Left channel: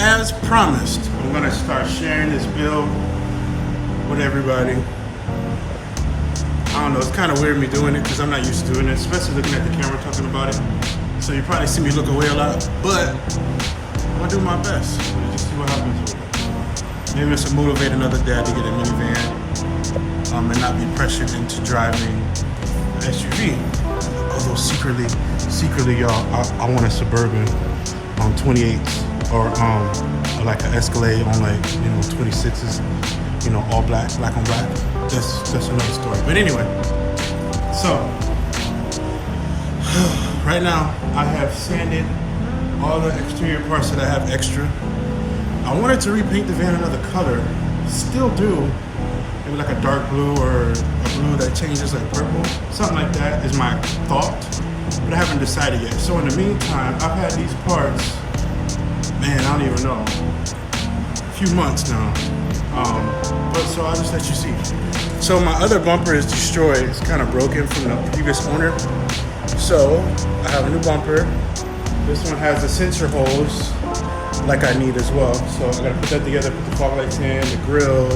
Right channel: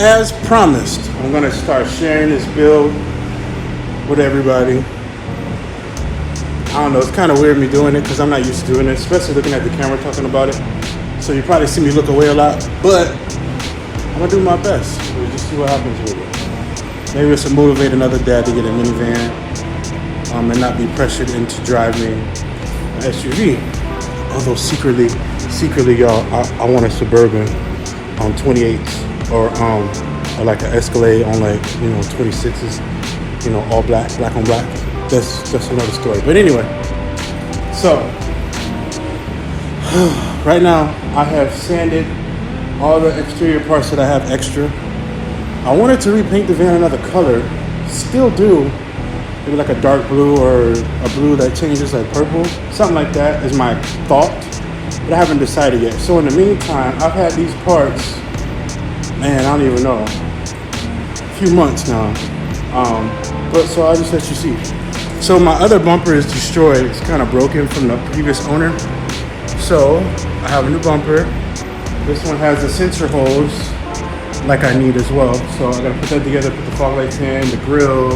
as promised, I'm gonna start sharing this build with everybody. I don't know, it's kind of weird me doing it because I'm not used to doing it, especially looking at the camera talking about it. So you probably see me look away a lot, but I'm gonna do my best. We'll just see what happens with it. Maybe it's to motivate another dad to get a minivan and not be pressured into driving an SUV. Although secretly, y'all, I want a Suburban on 28s or like an Escalade on like 26s, all black on black. That's another story. But anyway, so right now I have sanded all the exterior parts that I have extra. I wanted to repaint the van another color. Still do. Maybe like a dark blue or a blue that changes like purple. Something like that is my thought. But I haven't decided yet. So in the meantime, I've had these parts, man, I don't even know, a few months now. But so I'll just let you see. So my other bumper is destroyed. It's kind of broken from the previous owner. So I have a new bumper. This one has the sensor holes like I need as well. So I'm gonna put that together, put the fog lights in, the grill,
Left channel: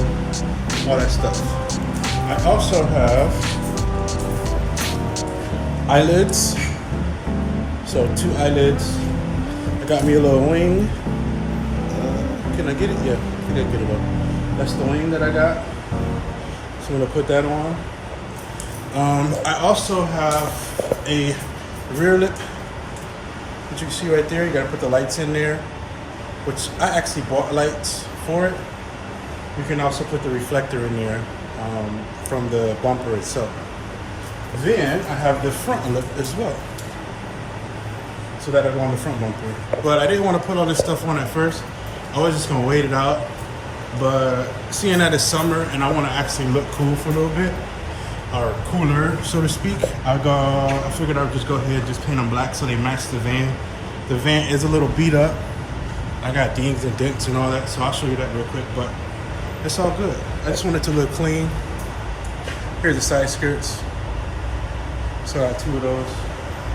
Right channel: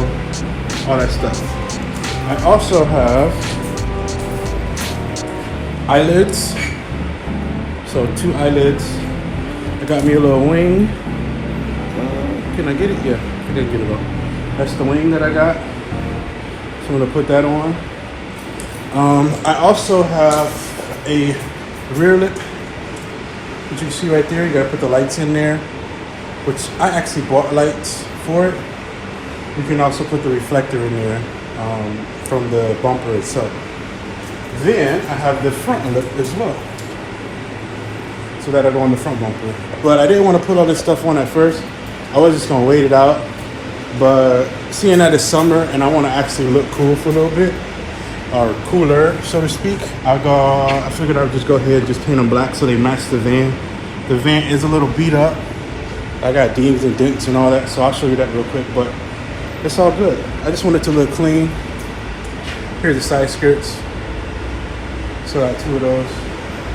all that stuff. I also have eyelids. So 2 eyelids. I got me a little wing. Can I get it here? Yeah, get it on. That's the wing that I got. So I'm gonna put that on. I also have a rear lip, which you see right there. You gotta put the lights in there, which I actually bought lights for it. You can also put the reflector in there from the bumper itself. Then I have the front lip as well. So that'll go on the front bumper. But I didn't want to put all this stuff on at first. I was just gonna wait it out. But seeing that it's summer and I want to actually look cool for a little bit, or cooler, so to speak, I figured I'd just go ahead and just paint them black so they match the van. The van is a little beat up. I got dings and dents and all that, so I'll show you that real quick, but it's all good. I just want it to look clean. Here's the side skirts. So I got 2 of those.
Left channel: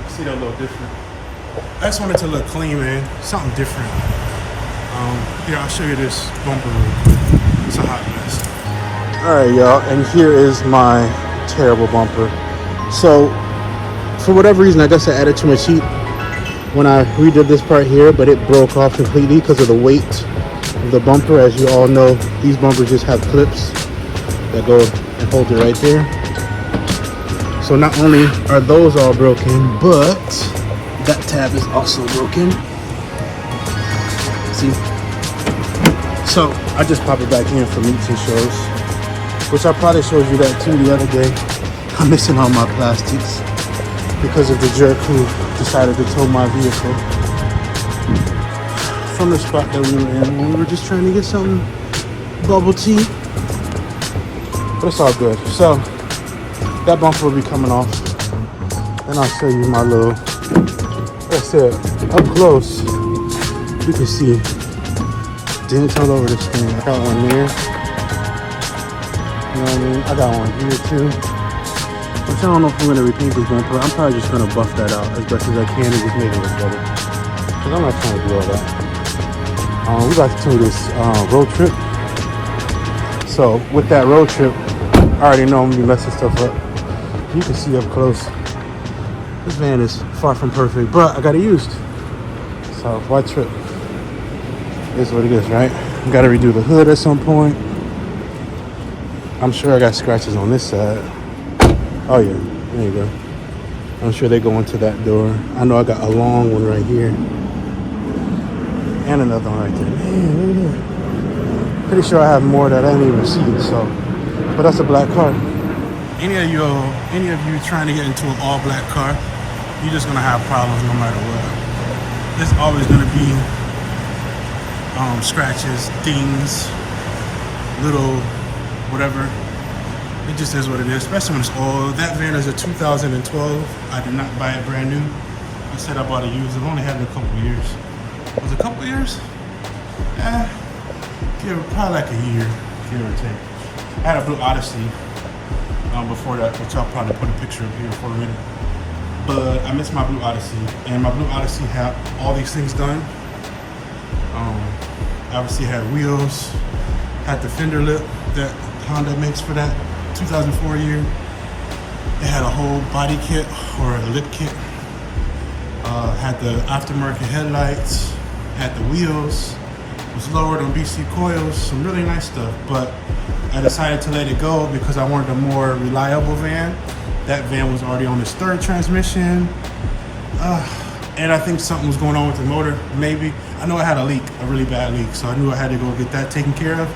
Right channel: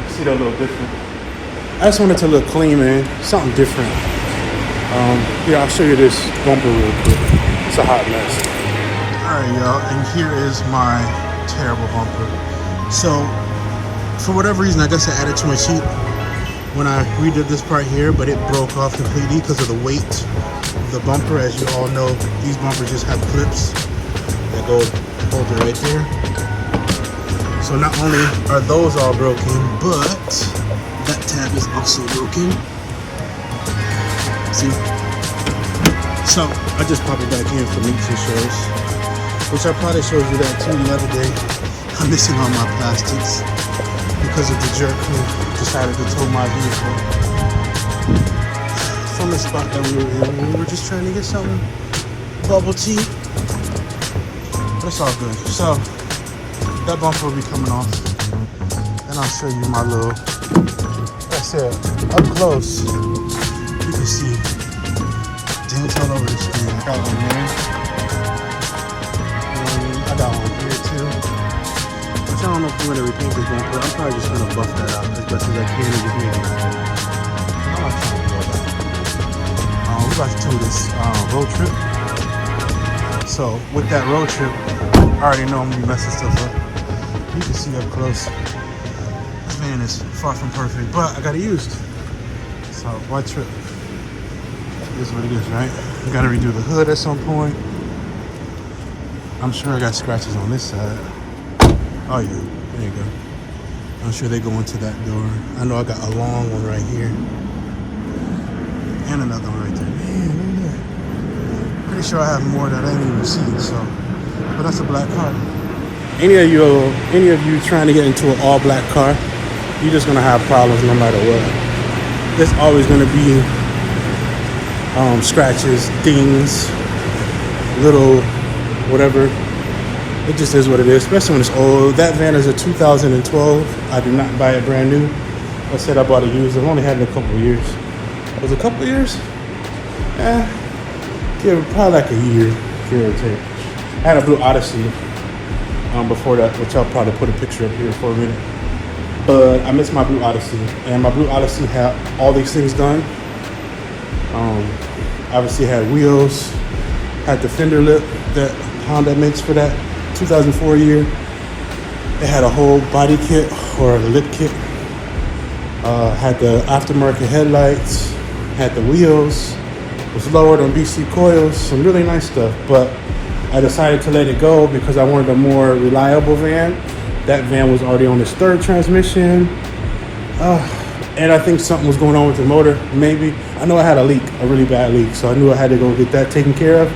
See, they're a little different. I just want it to look clean, man. Something different. Yeah, I'll show you this bumper real quick. It's a hot mess. All right, y'all, and here is my terrible bumper. So, for whatever reason, I guess I added too much heat when I redid this part here, but it broke off completely because of the weight of the bumper. As you all know, these bumpers just have clips that go and hold it right there. So not only are those all broken, but that tab is also broken. See? So I just pop it back in for meets and shows, which I probably showed you that too the other day. I'm missing all my plastics because of the jerk who decided to tow my vehicle from the spot that we were in. We were just trying to get some bubble tea, but it's all good. So that bumper will be coming off, and I'll show you my little, like I said, up close. You can see dents all over this thing. I got one there. And I got one here too. Which I don't know if I'm going to repaint this thing, but I'm probably just going to buff that out as best as I can and just make it look better. Because I'm not trying to do all that. We about to do this road trip. So with that road trip, I already know I'm going to be messing stuff up. You can see up close. This van is far from perfect, but I got it used. So why trip? Is what it is, right? Got to redo the hood at some point. I'm sure I got scratches on this side. Oh yeah, there you go. I'm sure they go into that door. I know I got a long one right here. And another one right there. Man, look at that. Pretty sure I have more that I didn't even see, so. But that's a black car. Any of you trying to get into an all black car, you're just gonna have problems no matter what. There's always gonna be scratches, dings, little whatever. It just is what it is, especially when it's old. That van is a 2012. I did not buy it brand new. I said I bought it used. I've only had it a couple of years. Was it a couple of years? Probably like a year, give or take. I had a blue Odyssey before that, which I'll probably put a picture up here for a minute. But I missed my blue Odyssey, and my blue Odyssey had all these things done. Obviously, it had wheels, had the fender lip that Honda makes for that 2004 year. It had a whole body kit or a lip kit. Had the aftermarket headlights, had the wheels, was lowered on BC coils, some really nice stuff. But I decided to let it go because I wanted a more reliable van. That van was already on its third transmission. And I think something was going on with the motor, maybe. I know I had a leak, a really bad leak, so I knew I had to go get that taken care of.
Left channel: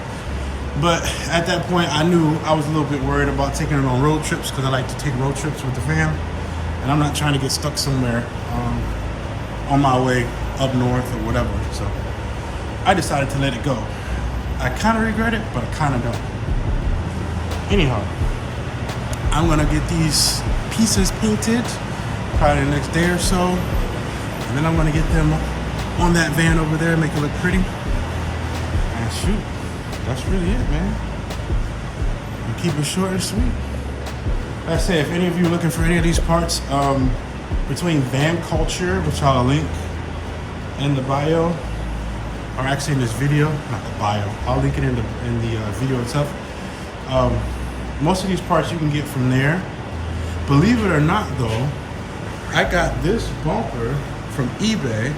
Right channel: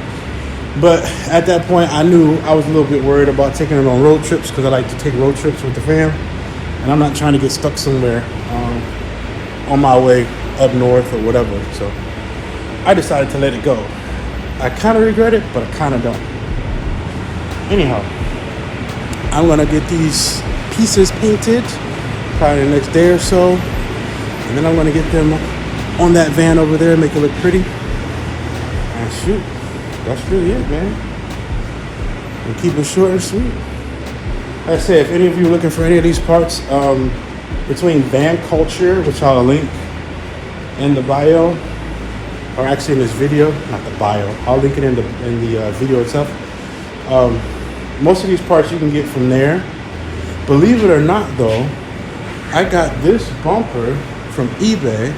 But at that point, I knew I was a little bit worried about taking it on road trips because I like to take road trips with the van. And I'm not trying to get stuck somewhere on my way up north or whatever. So I decided to let it go. I kind of regret it, but I kind of don't. Anyhow, I'm gonna get these pieces painted probably the next day or so. And then I'm gonna get them on that van over there and make it look pretty. Oh shoot, that's really it, man. And keep it short and sweet. Like I said, if any of you are looking for any of these parts, between Van Culture, which I'll link in the bio, or actually in this video, not the bio, I'll link it in the video itself. Most of these parts you can get from there. Believe it or not though, I got this bumper from eBay,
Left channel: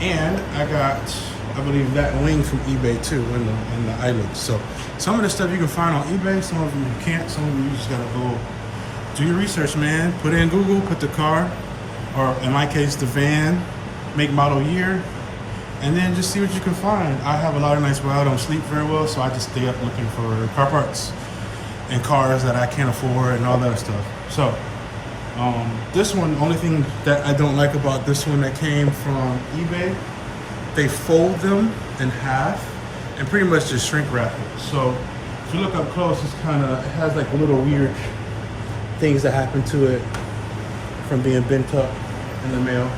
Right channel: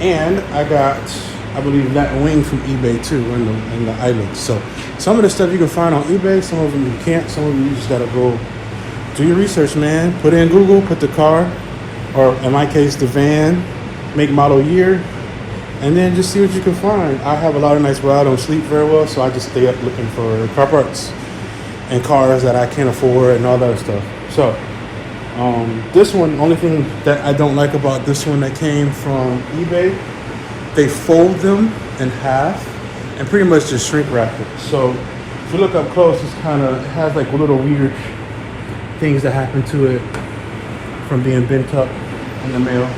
and I got, I believe, that wing from eBay too in the island. So some of the stuff you can find on eBay, some of them you can't, some of them you just gotta go do your research, man. Put in Google, put the car, or in my case, the van, make, model, year, and then just see what you can find. I have a lot of nights where I don't sleep very well, so I just stay up looking for car parts and cars that I can't afford and all that stuff. So this one, only thing that I don't like about this one that came from eBay, they fold them in half and pretty much just shrink wrap it. So if you look up close, it has like little weird things that happen to it from being bent up in the mail.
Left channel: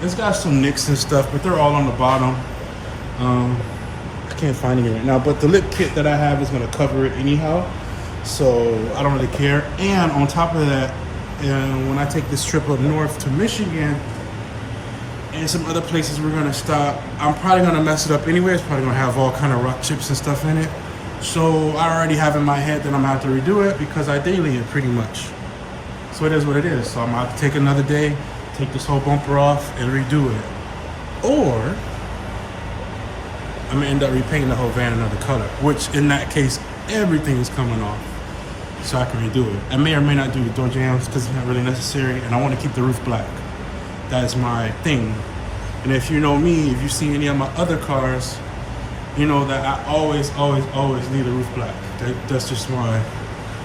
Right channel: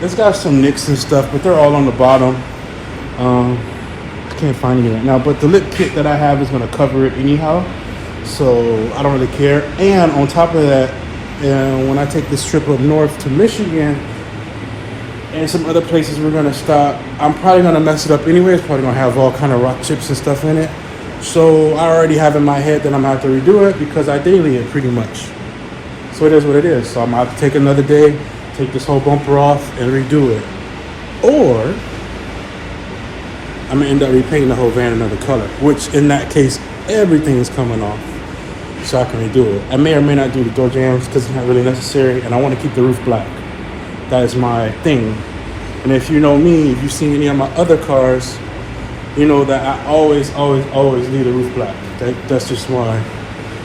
It's got some nicks and stuff, but they're all on the bottom. I can't find it right now, but the lip kit that I have is gonna cover it anyhow, so I don't really care. And on top of that, when I take this trip up north to Michigan and some other places we're gonna stop, I'm probably gonna mess it up anyway. It's probably gonna have all kind of rock chips and stuff in it. So I already have in my head that I'm gonna have to redo it because I daily it pretty much. So it is what it is. So I'm gonna have to take another day, take this whole bumper off and redo it. Or I'm gonna end up repainting the whole van another color, which in that case, everything is coming off so I can redo it. I may or may not do the door jambs because it's not really necessary, and I wanna keep the roof black. That is my thing. And if you know me, if you've seen any of my other cars, you know that I always leave the roof black. That's just my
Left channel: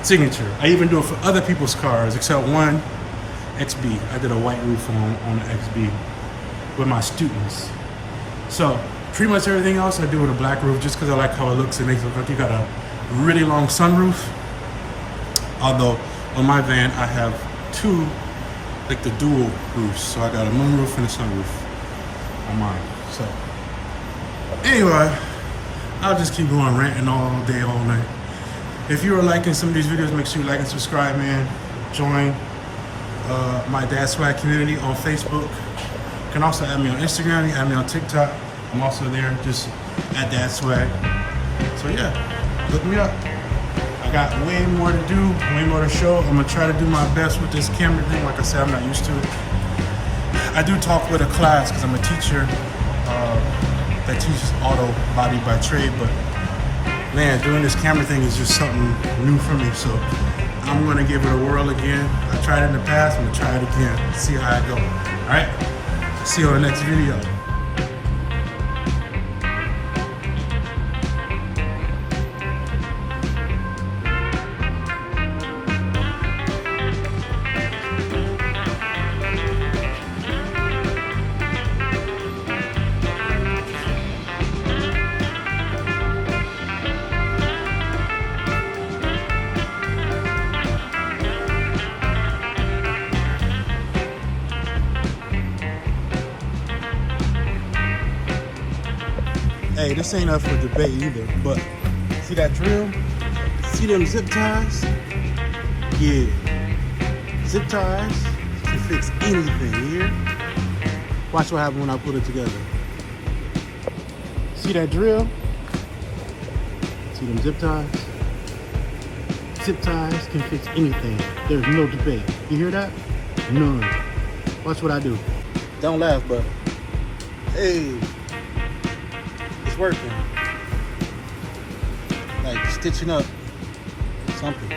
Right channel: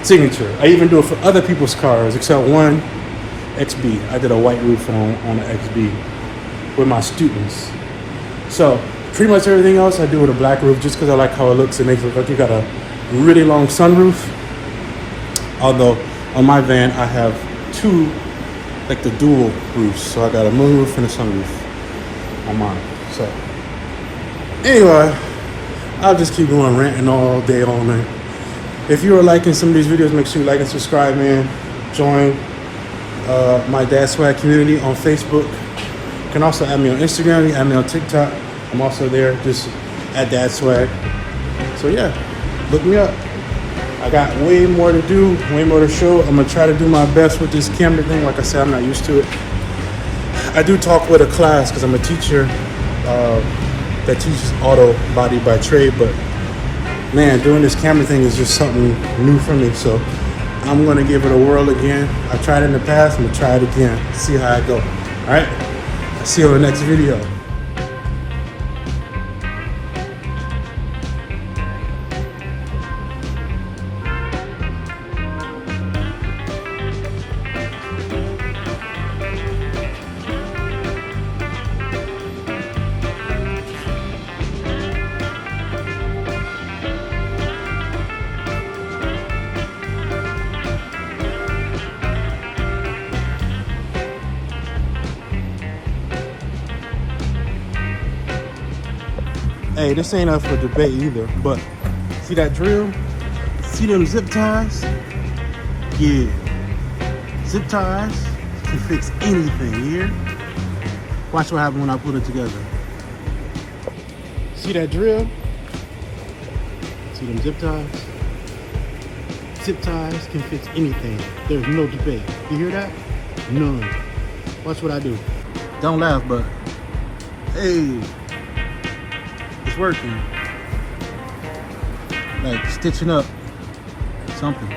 signature. I even do it for other people's cars, except one XB. I did a white roof on the XB with my students. So pretty much everything else I do with a black roof just because I like how it looks. It makes it look like you got a really long sunroof. Although on my van I have two, like the dual roofs. So I got a moonroof and a sunroof on mine. So anyway, I'll just keep going ranting all day, all night. If you are liking some of these videos, make sure you like and subscribe, man. Join my DadSwagg community on Facebook. You can also add me on Instagram, you can add me on TikTok. I'm also there, just at DadSwagg. So yeah, look me up. I got way more to do, way more to show. I'm gonna try to do my best with this camera thing. Like I said, I'm not used to it. I do talk with a class because I'm a teacher that teaches auto body by trade, but man, doing this camera thing is just something new for me. So I'm gonna give it a whirl again. I tried it in the past, I'm gonna try it again, see how I go. All right, see you on the next video. Hey, this ain't up for debate either, but see that drill? See them zip ties? Yeah. Zip ties can fix anything here. Watch what happens when I put it together. See that drill? See them zip ties? Zip ties can fix anything. There's no debate. You hear that? None. Watch what I do. Don't laugh, but hey, it's working. Like stitching up something.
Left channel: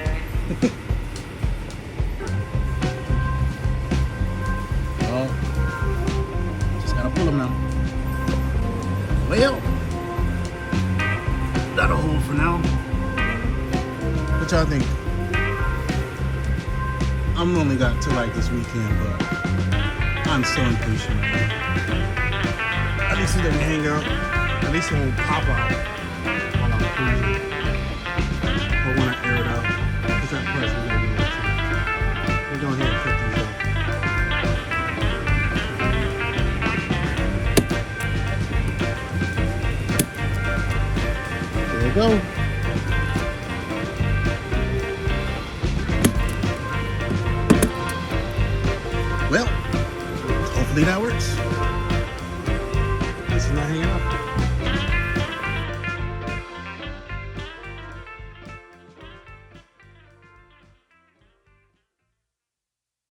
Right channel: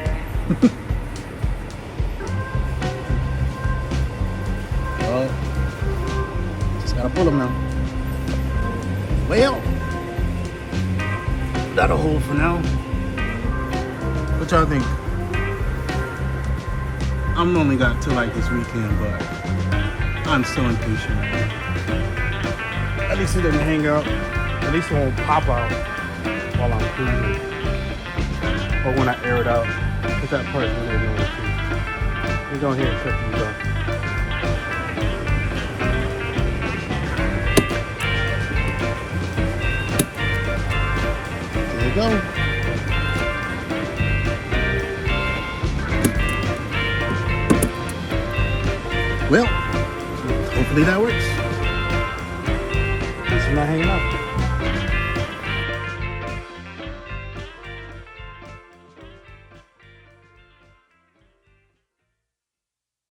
Oh, just gotta pull them now. Well, that'll hold for now. What y'all think? I'm only got till like this weekend, but I'm so impatient. At least it doesn't hang out. At least it won't pop out while I'm cruising. Or when I air it out. Because that part's really annoying too. We're going ahead and cut these off. There we go. Well, hopefully that